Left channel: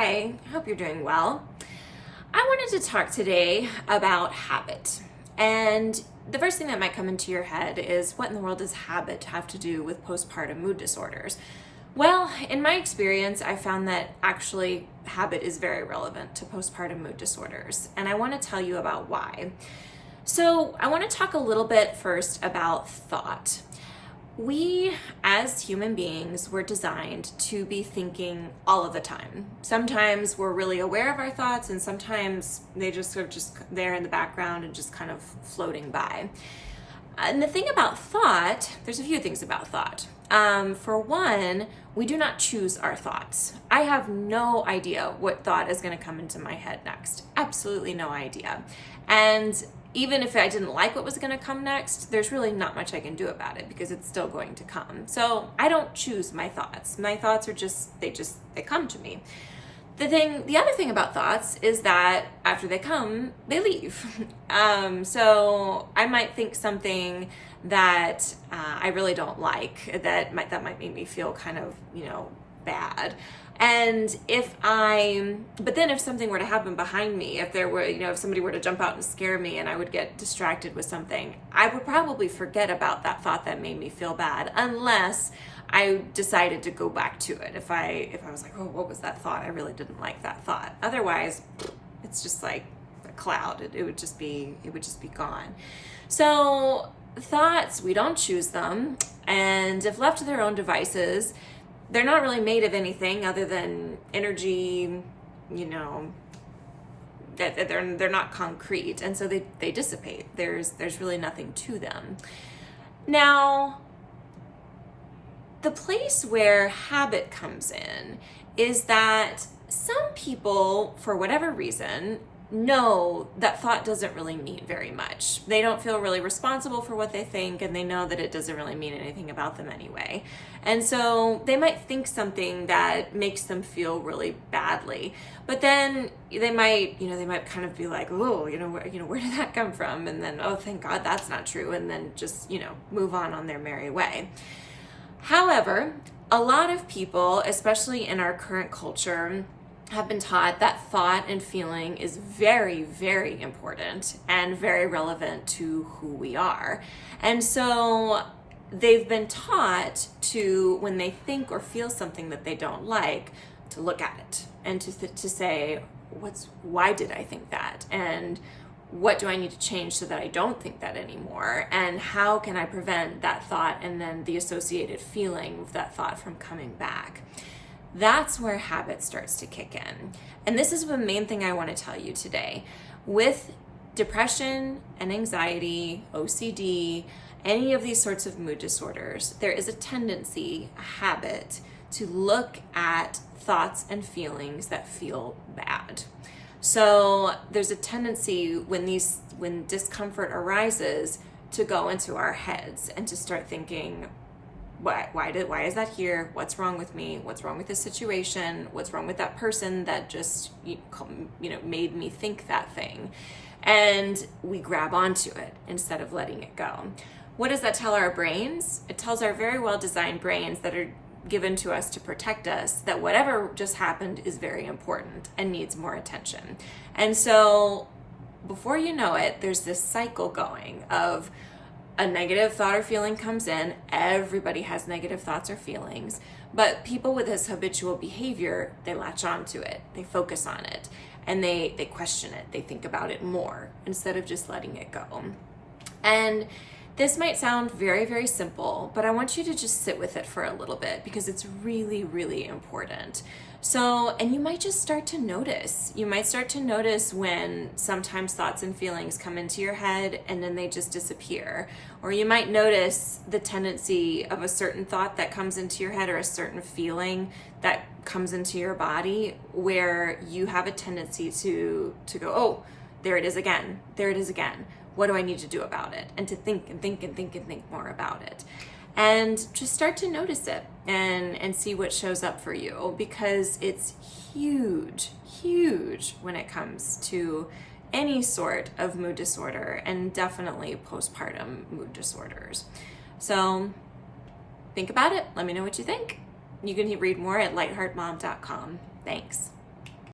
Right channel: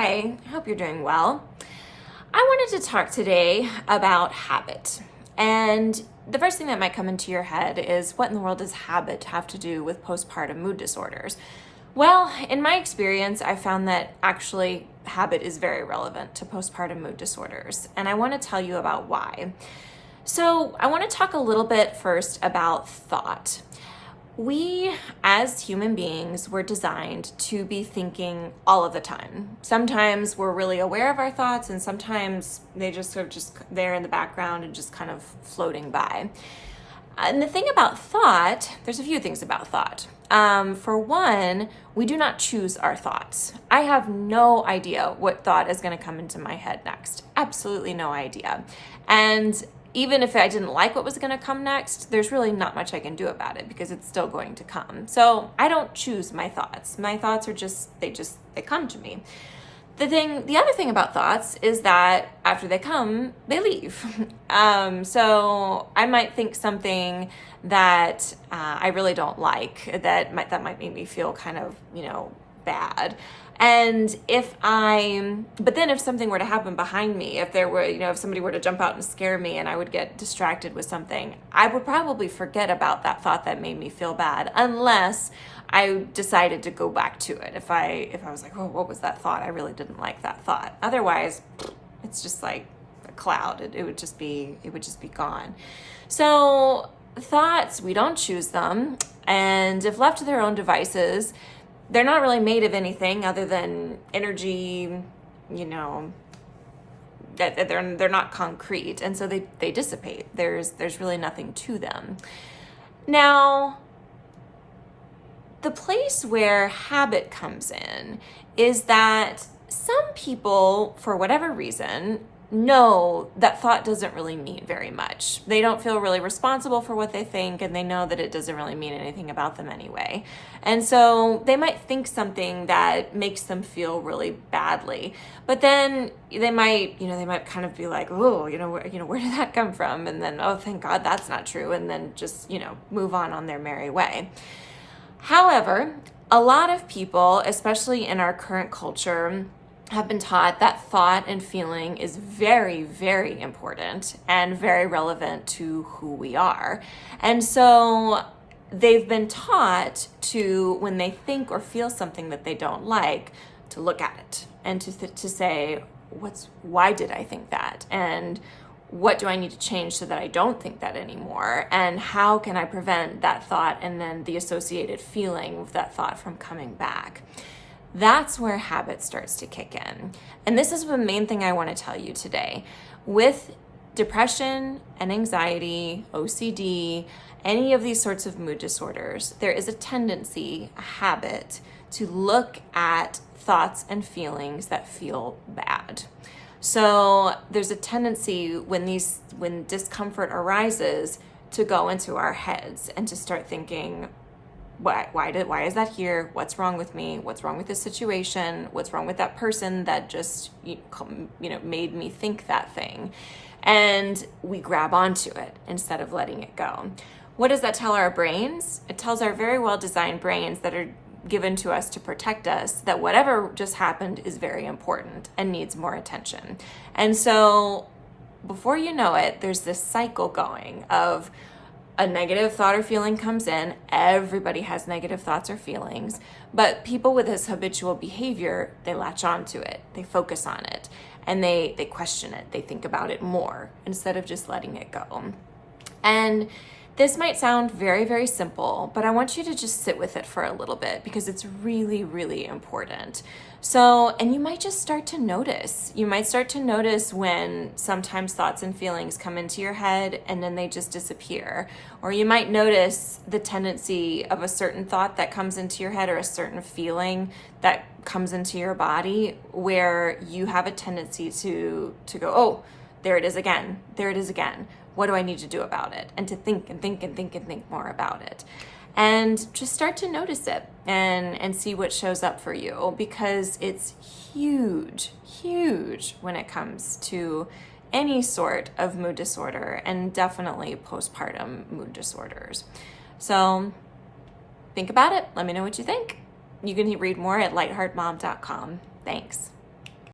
Hi, I hope you're doing well. I wanted to talk today about habit. And the first thing that might come into your head is, what in the world does habit have to do with postpartum mood disorders? Well, in my experience, I found that actually habit is very relevant to postpartum mood disorders. And I want to tell you about why. So I want to talk a little bit first about thought. We, as human beings, were designed to be thinking all of the time. Sometimes we're really aware of our thoughts, and sometimes they just sort of just there in the background and just kind of floating by. And the thing about thought, there's a few things about thought. For one, we do not choose our thoughts. I have no idea what thought is going to come into my head next. Absolutely no idea. And even if I didn't like what was going to come next, there's really not much I can do about it because it's still going to come. So I don't choose my thoughts. My thoughts are they come to me. The other thing about thoughts is that after they come, they leave. So I might think something that I really don't like, that might make me feel kind of, bad. And but then if something were to happen behind me, if somebody were to jump out and scare me and I would get distracted with something, I would probably forget about that thought that made me feel bad, unless I decided to go back to it. If I was like, oh, what was that thought? I really didn't like that thought. Otherwise, it's just like a cloud. It would just be gone. So thoughts, we don't choose them. And if left to their own devices, they're not really made of anything other than energy, that they're not concrete. And so they dissipate. There's really nothing to them. Now, the place where habit comes in is that some people, for whatever reason, know that thought doesn't really mean very much. They don't feel really responsible for what they think, and they know that it doesn't really mean anything about them anyway. And so they might think something that makes them feel really badly, but then they might kind of be like, oh, where did that come from? And then, oh, thank God that's not true. And then just, move on their merry way. However, a lot of people, especially in our current culture, have been taught that thought and feeling is very, very important and very relevant to who we are. And so they've been taught to, when they think or feel something that they don't like, to look at it and to say, why did I think that? And what do I need to change so that I don't think that anymore? And how can I prevent that thought and then the associated feeling of that thought from coming back? That's where habit starts to kick in. And this is the main thing I want to tell you today. With depression and anxiety, OCD, any of these sorts of mood disorders, there is a tendency, a habit, to look at thoughts and feelings that feel bad. So there's a tendency when discomfort arises to go into our heads and to start thinking, why is that here? What's wrong with me? What's wrong with this situation? What's wrong with that person that just made me think that thing? And we grab onto it instead of letting it go. What does that tell our brains? It tells our very well designed brains that are given to us to protect us that whatever just happened is very important and needs more attention. And so before you know it, there's this cycle going of a negative thought or feeling comes in. Everybody has negative thoughts or feelings, but people with this habitual behavior, they latch onto it, they focus on it, and they question it, they think about it more instead of just letting it go. And this might sound very, very simple, but I want you to just sit with it for a little bit because it's really, really important. So, and you might just start to notice. You might start to notice when sometimes thoughts and feelings come into your head and then they just disappear. Or you might notice the tendency of a certain thought that comes into your head or a certain feeling that comes into your body where you have a tendency to go, oh, there it is again. There it is again. What do I need to do about it? And to think and think and think and think more about it. And just start to notice it and see what shows up for you, because it's huge, huge when it comes to any sort of mood disorder, and definitely postpartum mood disorders. So think about it. Let me know what you think. You can read more at lightheartmom.com. Thanks.